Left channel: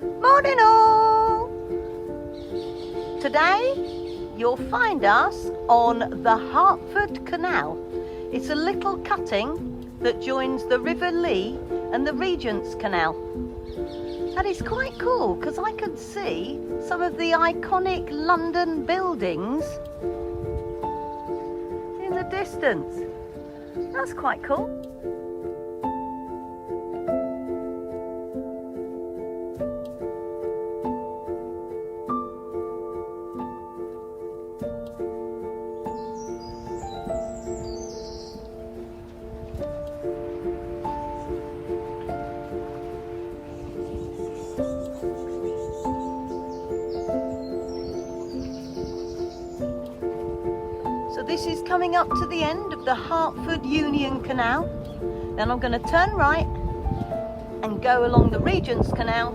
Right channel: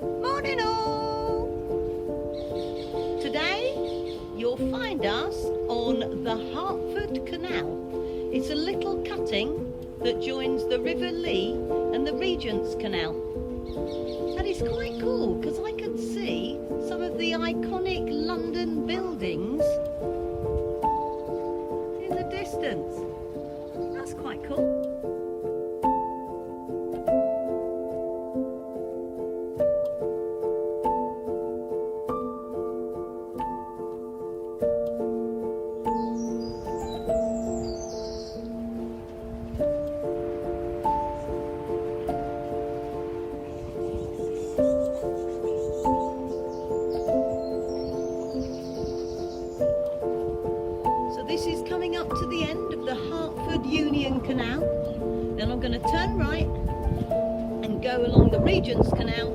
Morning all! Today you'll find us on the Hertford Canal. It's a little cutting that joins the River Lee and the Regent's Canal. And it's quite cool because I can see some of the iconic London buildings in the distance. That's quite cool. So this is coming up to the end of the Hertford Union Canal. Then I'm going to turn right and go along the Regent's Canal